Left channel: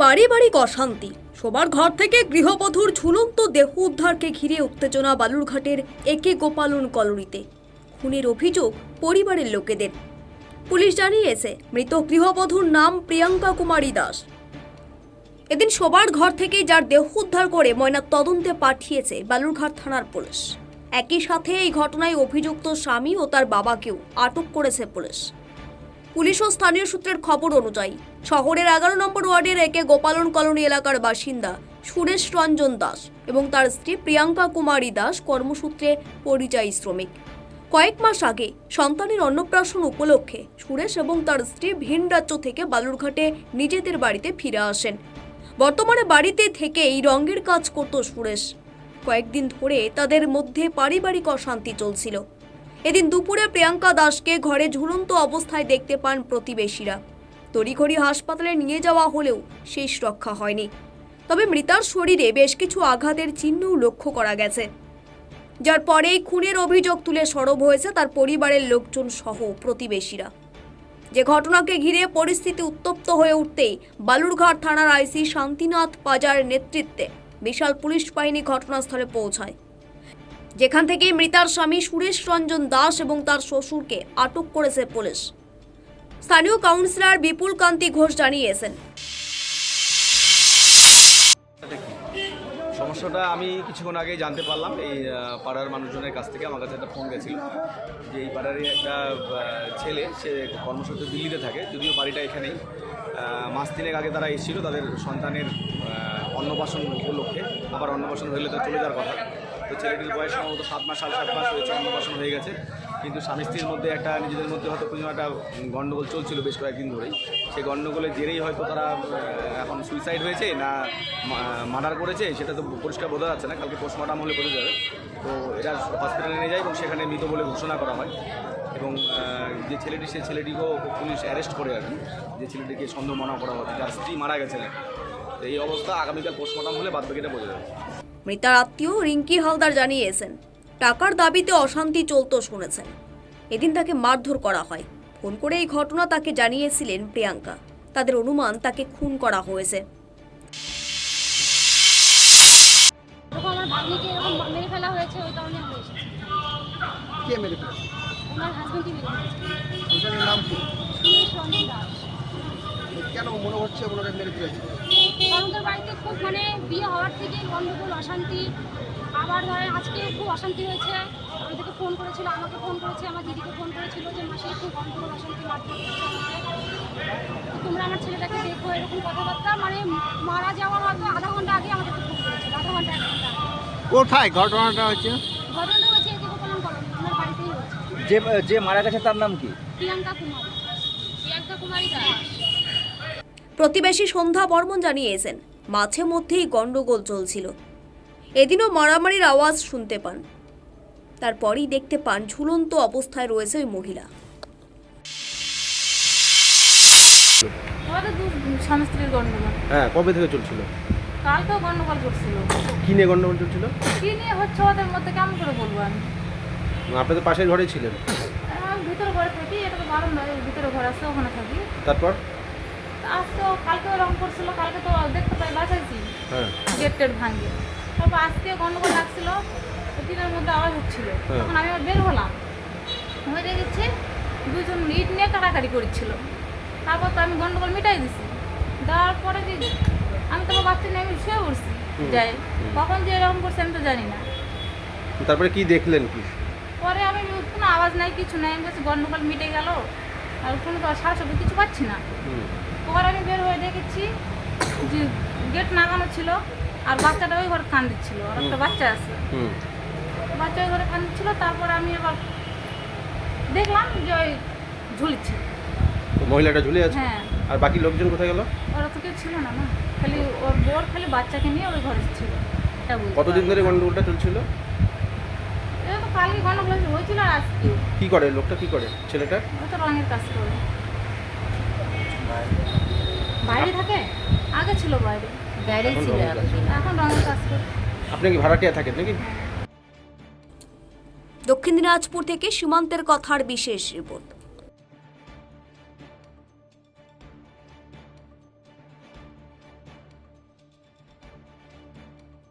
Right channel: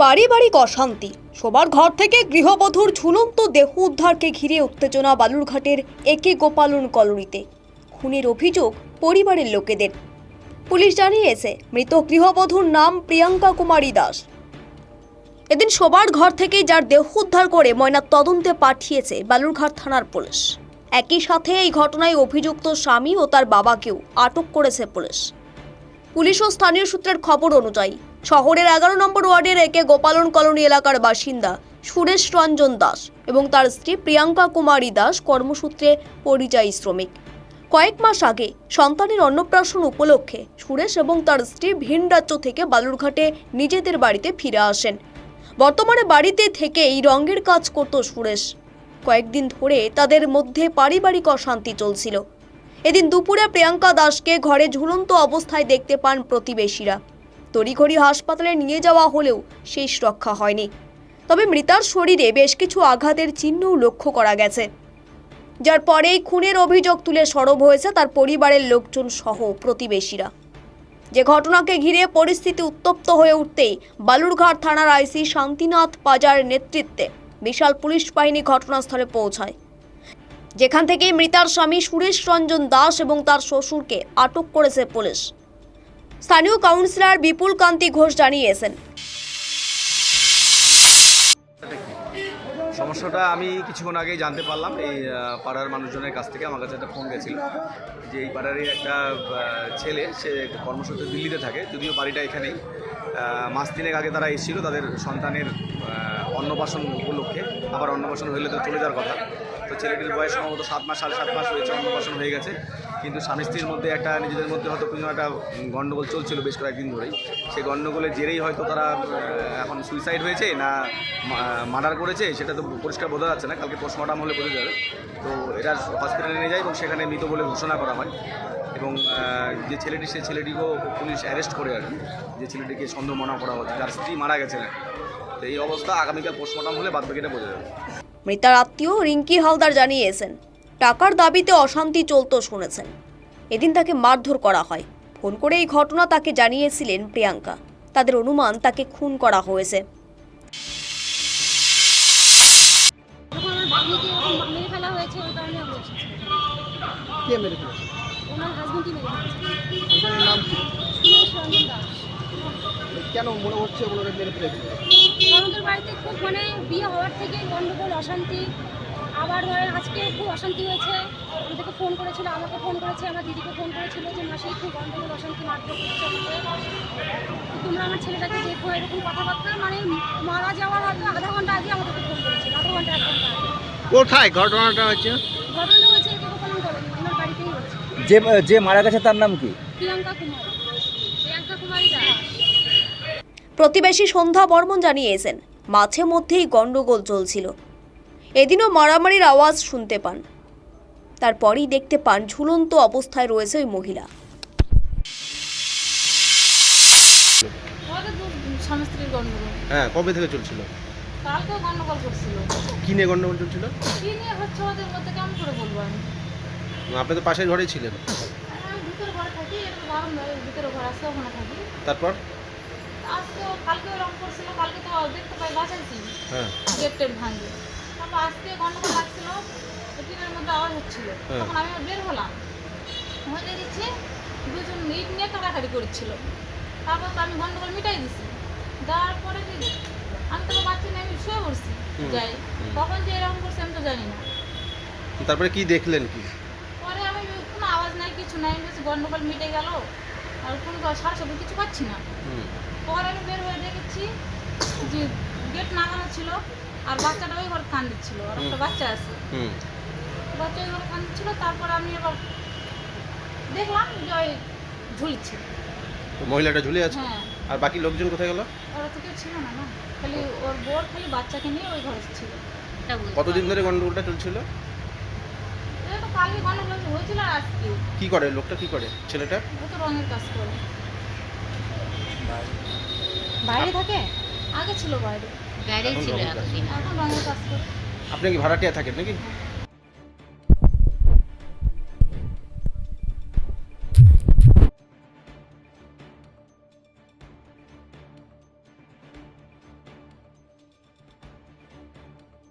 পারিবারিক অশান্তি, সবার ঘর থেকে গৃহবধূর ঝুলন্ত দেহ উদ্ধারকে ঘিরে উত্তেজনা বালুরঘাটের একে গোপালন কলোনিতে। খুনের অভিযোগ পরিবারের লোকেদের। পুলিশ জানিয়েছে মৃত গৃহবধূর নাম প্রিয়াঙ্কা কুমারী দাস। এদিন সবার ঘর থেকে যার দেহ উদ্ধার করে ময়নার তদন্তে পাঠিয়েছে বালুরঘাট থানার পুলিশ। একই সাথে এই ঘটনায় অভিযুক্ত স্বামী ও তার বাবাকেও আটক করেছে পুলিশ। পুলিশ ও স্থানীয় সূত্রের খবর অনুযায়ী শহরের 11 নম্বর ওয়ার্ডের একে গোপালন কলোনি এলাকার বাসিন্দা সুরেশ রঞ্জন দাস এবং তার স্ত্রী প্রিয়াঙ্কা কুমারী দাস কর্মসূত্রে পরিযায়ী শ্রমিক। কয়েক মাস আগে সন্তানের অন্নপ্রাশন উপলক্ষে সুরেশ এবং তার স্ত্রী ভিন রাজ্য থেকে বালুরঘাটে নিজেদের বাড়িতে ফিরে আসেন। বর্তমানে বাড়িতে থেকে এই রঙের কাজ করত সুরেশ। কয়েকদিন ধরে তাদের মধ্যে পারিবারিক অশান্তি চলছিল। এদিন দুপুরে প্রিয়াঙ্কা দাসকে ঘরে ঝুলন্ত অবস্থায় দেখতে পান প্রতিবেশীরা। তড়িঘড়ি হাসপাতালে নিয়ে যাওয়া হলেও শেষ রক্ষা হয়নি। তবে মৃতার শরীরে বেশ কিছু আঘাতের চিহ্নও লক্ষ্য করা গেছে, যার পরেই খুনের অভিযোগ তুলে সরব হয়েছে তার পরিবারের লোকজন সহ প্রতিবেশীরা। যে ঘটনাকে ঘিরে পরিস্থিতি উত্তপ্ত হয়ে উঠতেই বালুরঘাট থানার আইসি শান্তিনাথ পাজার নেতৃত্বে বিশাল পুলিশ বাহিনী ঘটনাস্থলে পৌঁছায়, যেখান থেকে মৃতার স্বামী সুরেশ রঞ্জন দাস এবং তার শ্বশুরকে আটক করেছে পুলিশ। স্থানীয় কাউন্সিলর বিপুল কান্তি ঘোষ জানিয়েছেন, সমস্যাটা আমি কিছুক্ষণ আগেই জানতে পারলাম। এই পাড়ার মানুষজনের কাছ থেকে আমার কাছে একটা ফোন গেছিল যে এই পাড়ারই একটা ছেলে, সে কর্মসূত্রে দিল্লিতে থাকে, যদিও বাড়িটা এখানেই। মাস তিনেক আগে তারা এসেছিল তাদের সন্তানের অন্নপ্রাশন উপলক্ষে। আবার অন্নপ্রাশন হইলে তো চলে যাওয়ার কথা। তো ছেলেটির বয়স সম্ভবত 7 মাস 7.5 মাস হয়েছে, অন্নপ্রাশন হয়ে গেছে। কিন্তু স্বামী স্ত্রীর মধ্যে একটা নিজেদের মধ্যে হয়তো কোনো একটা গণ্ডগোল চলছিল বেশ কয়েকদিন ধরেই। সেই গণ্ডগোলের জেরেই হয়তো তারা এখন সুইসাইড হয়েছে না মার্ডার করেছে সেটা তো পরিষ্কার বোঝা যাচ্ছে না। কালকে পোস্টমর্টম হলে বোঝা যাবে। তো এটা হসপিটালে নিয়ে যায় এবং সেখানে মৃত বলে ঘোষণা করা হয়। এবং যে ছেলেটি, সেই ছেলেটিকেও পুলিশ অ্যারেস্ট করে আর কি, যে ছেলেটিকে সন্দেহ মনে করা হচ্ছে, যার স্ত্রী মারা গেছে না। তো এই অবস্থা, আগামীকাল পোস্টমর্টম হলে বাদবাকিটা বোঝা যাবে। মৃতার আত্মীয় রিঙ্কি হালদার জানিয়েছেন, টাকার দাবিতে অশান্তি চলত শুনেছেন। এদিন তাকে মারধর করা হয়। ফোন করে এই ঘটনা তাকে জানিয়েছিলেন প্রিয়াঙ্কা। তাদের অনুমান তাকে খুন করা হয়েছে। আমার ভাগ্নিকে এরকম মেরে ফেলা হয়েছে, ওই কারণে আমরা এসেছি। কে মেরে ফেলেছে? ওনার হাজবেন্ডই মেরে ফেলেছে। ওটার নাম কি? সুরেশ রঞ্জন দাস। কেন মনে হচ্ছে ওনারা মেরে ফেলেছে? কারণ তোর বাড়িতে খুব বিয়ে হওয়ার থেকে গন্ডগোল, অশান্তি। আবার ধরেন আজকেও খুব অশান্তি হয়েছে। আমাদেরকে ফোন করেছিল, আমাকে ফোন করেছে, আমার দিদিকে ফোন করেছিল যে মাসে খুব গন্ডগোল, অশান্তি, মারধর করছে আমাকে। তোমরা আমার ছেলেটাকে দেখো, এরকম কথাবার্তা। মারা যাওয়ার হয়তো আধা ঘন্টা আগে আমাদেরকে ফোন করেছিল, আধা ঘন্টা 1 ঘন্টা আগে। কোথায় ঘটনাটা হচ্ছে? ঘটনাটা হয়েছে এই যে গোপালন কলোনি, ওনার বাড়িতেই হয়েছে। যে মারা গেছে তার নাম কি? প্রিয়াঙ্কা কুমারী দাস। প্রতিবেশী সন্ধ্যা বর্মন জানিয়েছেন, মাঝে মধ্যেই গন্ডগোল চলছিল। এদিনও মারামারির আওয়াজ শুনতে পান। তারপরই দেখতে পান ঝুলন্ত অবস্থায় রয়েছে ওই মহিলা। স্বামী স্ত্রীর গন্ডগোল। হ্যাঁ, কবে থেকে চলছিল? কালকেও গন্ডগোল করছিল। কি নিয়ে গন্ডগোল চলছিল? কি নিয়ে হচ্ছে ওদের মধ্যে কেমন করে বলবো আমি? আপনি তো পাশের ঘরেই ছিলেন। আমি ভিতরে ঘরে থাকি, এটা তো বারণ নয়, ভিতরে ঘর আছে, ওখানে থাকি। তারপর আজকেও কালকেও এরকম করছিল, কালকে তো দেখতে পাই বাঁচাইছি, হ্যাঁ, গেটের ভাঙে। তারপর আজকে গন্ডগোল লাগছিল, দিনের মধ্যে আবার হচ্ছিল। তখন আমি বের হলাম, হয়ে গেছে দুজন ইট নিয়ে কাটাকাটি করছিল। তারপর তো আমি গন্ডগোল মিটাই দিছি। দেওয়ার পরে যে আমি তো বাচ্চা নিয়ে আমি শুয়ে পড়ছি, যাই কখন যে এরকম করছে আমি তো জানি না। তারপরে কি দেখলেন? কি পরে আমি কোনো আওয়াজ নাই, কিছু নাই, বলছি গন্ডগোল মিটে গেল, আর কোনো সারা শব্দ কিছু পাচ্ছি না। পরে আমি বের হয়ে দেখেছি যে গেট নাগানো ছিল, আর বাচ্চাটা ওই ঘরে কান দিচ্ছিল, আর একটা বাচ্চা আছে, বাচ্চা ওই ঘরে কান দিচ্ছিল। তারপরে আমি এবার দেখলাম যে ওই ঝুলছে, মহিলাটা ঝুলে আছে। হ্যাঁ। আর বাকি লোকজন কোথায় গেল? ওরা তো কেউ ছিল না, না খালি ওর বোর খালি বাচ্চাকে নিয়ে ওই ঘরে ছিল। কতদিন ধরে গন্ডগোলটা চলছিল? এটা তো কালকে গন্ডগোল হয়েছিল, আর আজকে। কি করে লোকটা, কি করে ছেলেটা? ও তো রঙের কাজ করে, বাইরে থাকে, আগে ছিল বাইরে, এখন রঙের কাজ করে। আপনি কি ভাড়াটিয়া থাকেন নাকি? দক্ষিণ দিনাজপুর থেকে সীমান্তের কথার বিশেষ রিপোর্ট।